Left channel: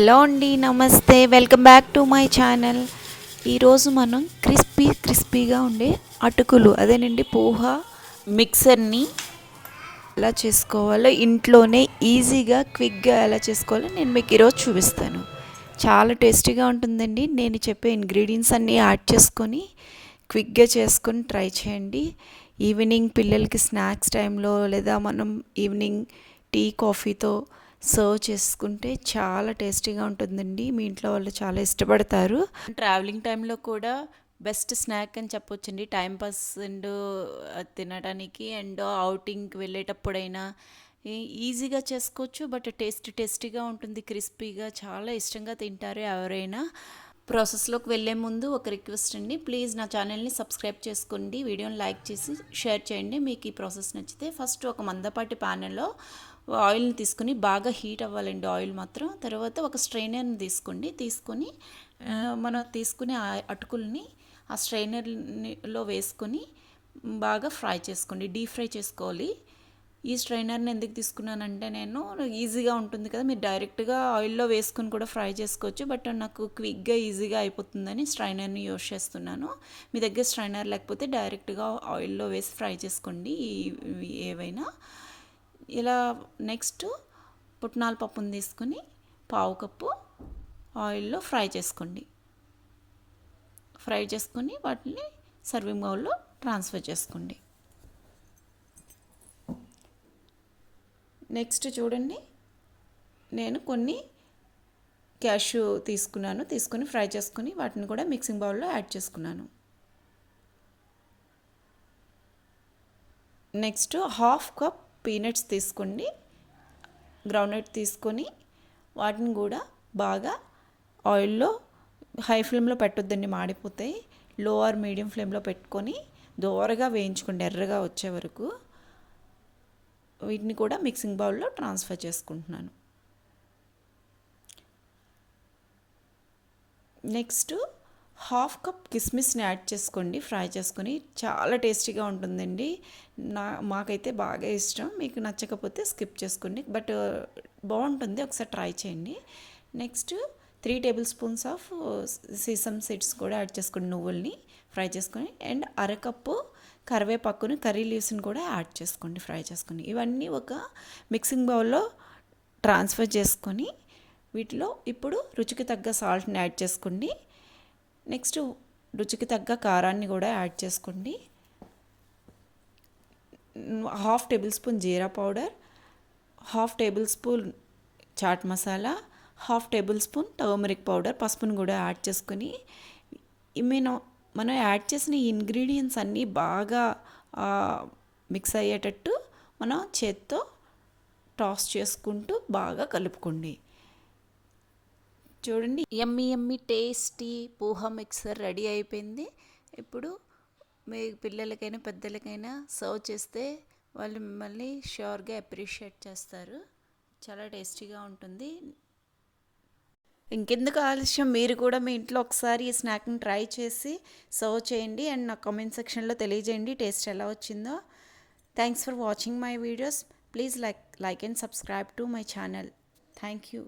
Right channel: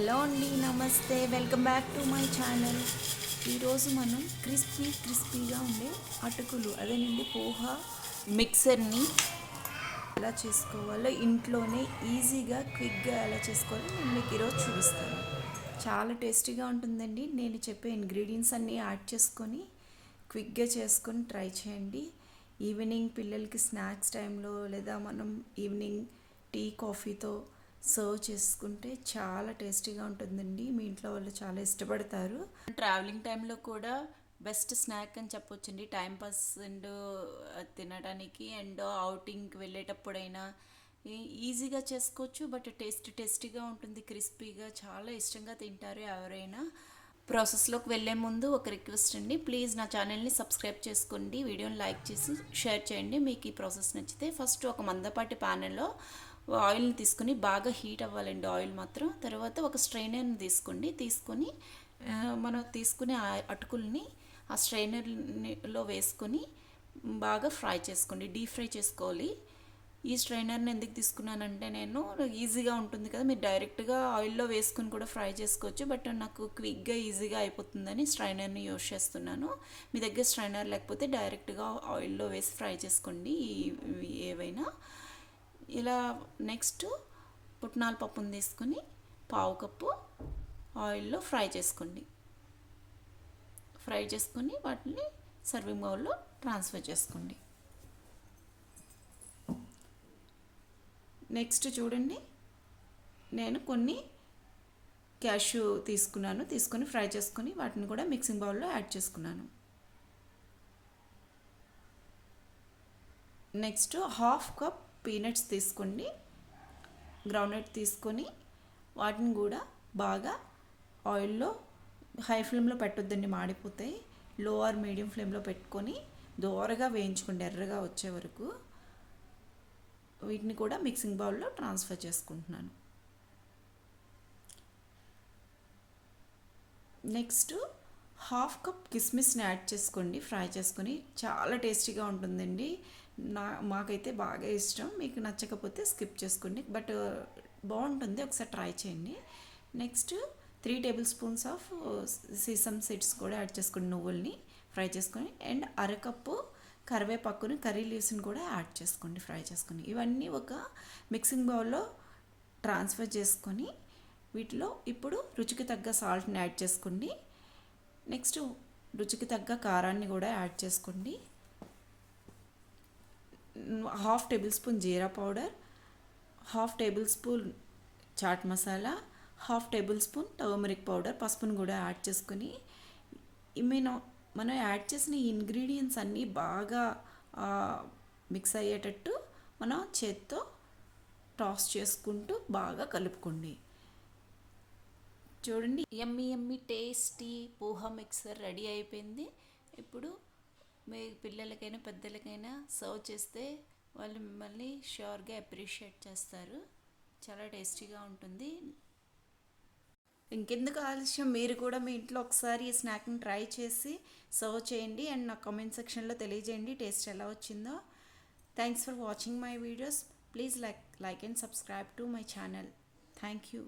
Hello అండి, నమస్తే. Welcome back to my channel. ఈరోజు మనం క్రిస్పీగా ఉండే అటుకులు, అదేనండి పోహా మిక్సర్ని ఎలా చేసుకోవాలో, ఇంట్లోనే ఈజీగా క్విక్గా ఎలా చేసుకోవాలో నేను మీకు ఈరోజు చూపిస్తాను. చాలా టేస్టీగా ఉంటుందండి. నేను చెప్పే ఇంగ్రీడియంట్స్ అన్నీ యాడ్ చేసుకొని క్విక్గా చేసుకొని ట్రై చేయండి. ఈవినింగ్ పిల్లలకి స్నాక్స్ టైంలో, లేదా మనం ఈవినింగ్ టీ కాఫీతో సర్వ్ చేసుకుంటే చాలా టేస్టీగా ఉంటుందండి. మీ ఇంట్లో వాళ్ళు చాలా ఇష్టపడతారు. ట్రావెలింగ్ టైంలో కూడా బెస్ట్ స్నాక్ అని చెప్పొచ్చండి. టైంపాస్ అండ్ తినడానికి అండ్ అవుటింగ్కి వెళ్ళేటప్పుడైనా ఈజీగా చేసుకోవచ్చు. బట్ టేస్టీగా ఉంటుంది, క్రిస్పీగా, చాలా ఇష్టంగా తింటారు ఎవరైనా. ప్రాసెస్లోకి వెళ్ళే ముందు ఒక రిక్వెస్ట్ అండి, ప్లీజ్ నా ఛానల్ని సబ్స్క్రైబ్ చేసుకోండి, వీడియోని లైక్ చేసి షేర్ చేయండి మీకు ఈ ప్రాసెస్ నచ్చితే. ఫస్ట్ ఒక మందపాటి ప్యాన్లో ఆయిల్ని తీసుకుని బాగా హీట్ అవ్వాలండి ఆయిల్ మాత్రం. తర్వాత ఒక స్ట్రైనర్ని తీసుకొని మనం తీసుకునే అటుకుల్ని ఆ స్ట్రైనర్లో వేసుకొని బాగా ఫ్రై చేసుకోండి, డీప్ ఫ్రై చేసుకోవాలి. ఈ స్ట్రైనర్ని ఎందుకు తీసుకున్నానంటే, నేను ఈజీగా ఉంటుంది కదా, మీరు డైరెక్ట్గా ఆయిల్లో వేసుకుని కూడా ఫ్రై చేసుకోవచ్చు, బట్ నాకు క్విక్గా ఈజీగా అయిపోతుందని స్ట్రైనర్ని యూస్ చేస్తున్నాను. మీ దగ్గర స్ట్రైనర్ లేకపోతే డైరెక్ట్గా ఆయిల్లో వేసి ఫ్రై చేసుకోండి ఏవైనా. ఇలా నెక్స్ట్ పుట్నాల పప్పును తీసుకుని పావు కప్పు ఆయిల్లో ఫ్రై చేసుకొని వాటిని సర్వింగ్ బౌల్లో ట్రాన్స్ఫర్ చేసుకోండి. నెక్స్ట్ చూడండి, నేను కొన్ని క్యాష్యూ తీసుకొని ఫ్రై చేసుకొని వాటిని కూడా మిక్సింగ్ బౌల్లో యాడ్ చేసుకున్నాను. నెక్స్ట్ హాఫ్ కప్ పీనట్స్ తీసుకోండి, గ్రౌండ్నట్ తీసుకొని వాటిని కూడా బాగా ఆయిల్లో, హై ఫ్లేమ్లో పెట్టొద్దండి, మాడిపోతాయి. లో ఆర్ మీడియం ఫ్లేమ్లో పెట్టుకొని దోరగా వేయించుకోండి, ఎర్రగా వచ్చే వరకు. వీటిని కూడా మిక్సింగ్ బౌల్లో ట్రాన్స్ఫర్ చేసుకుంటున్నాను. నెక్స్ట్ హాఫ్ కప్ కిస్మిస్ని యాడ్ చేసుకోండి, ఫ్రై చేసుకొని. చాలా టేస్టీగా ఉంటుందండి, మాకైతే బాగా ఇష్టం. మీకు నచ్చకపోతే స్కిప్ చేసుకోండి, బట్ బాగుంటుంది, ఒకసారి ట్రై చేయండి. Next 3 table spoons of sesame seeds కూడా యాడ్ చేసుకోండి, నువ్వుల్ని ఫ్రై చేసుకొని. అండ్ అరకప్పు కరివేపాకుని, కర్రీ లీవ్స్ని కూడా యాడ్ చేసుకోండి, ఫ్రై చేసుకొని. ఇవన్నీ ఒక మిక్సింగ్ బౌల్లో ట్రాన్స్ఫర్ చేసుకొని వీటిలో ఇప్పుడు రుచికి తగ్గ సాల్ట్ని యాడ్ చేసుకోండి. నెక్స్ట్ రుచికి తగ్గ కారాన్ని కూడా యాడ్ చేసుకోండి. Half tablespoon jeera powder, half tablespoon chaat masala, half tablespoon turmeric powder, పసుపును కూడా యాడ్ చేసుకొని మనం యాడ్ చేసిన ఇంగ్రీడియంట్స్ అన్నీ బాగా మిక్స్ అయ్యేటట్టు మనం చేత్తో టాస్ చేసుకుంటూ బాగా కలుపుకోండి. చూడండి, yummy tasty poha mixer ready అయిపోయింది. ఇప్పుడు మీ పిల్లలకైనా పెద్దలకైనా సర్వ్ చేస్తే వాళ్ళు మిమ్మల్ని ష్యూర్గా అప్రిషియేట్ చేస్తారు. చాలా టేస్టీగా ఉంటుంది. ఇంకెందుకు ఆలస్యం, మీరు కూడా మీ ఇంట్లో ఒకసారి ఈ స్నాక్ని ట్రై చేసి సర్వ్ చేయండి అండ్ నా కామెంట్ సెక్షన్లో తెలియజేయండి టేస్ట్ ఎలా వచ్చిందో. Thanks for watching my videos. Please like and subscribe to my channel. Thank you.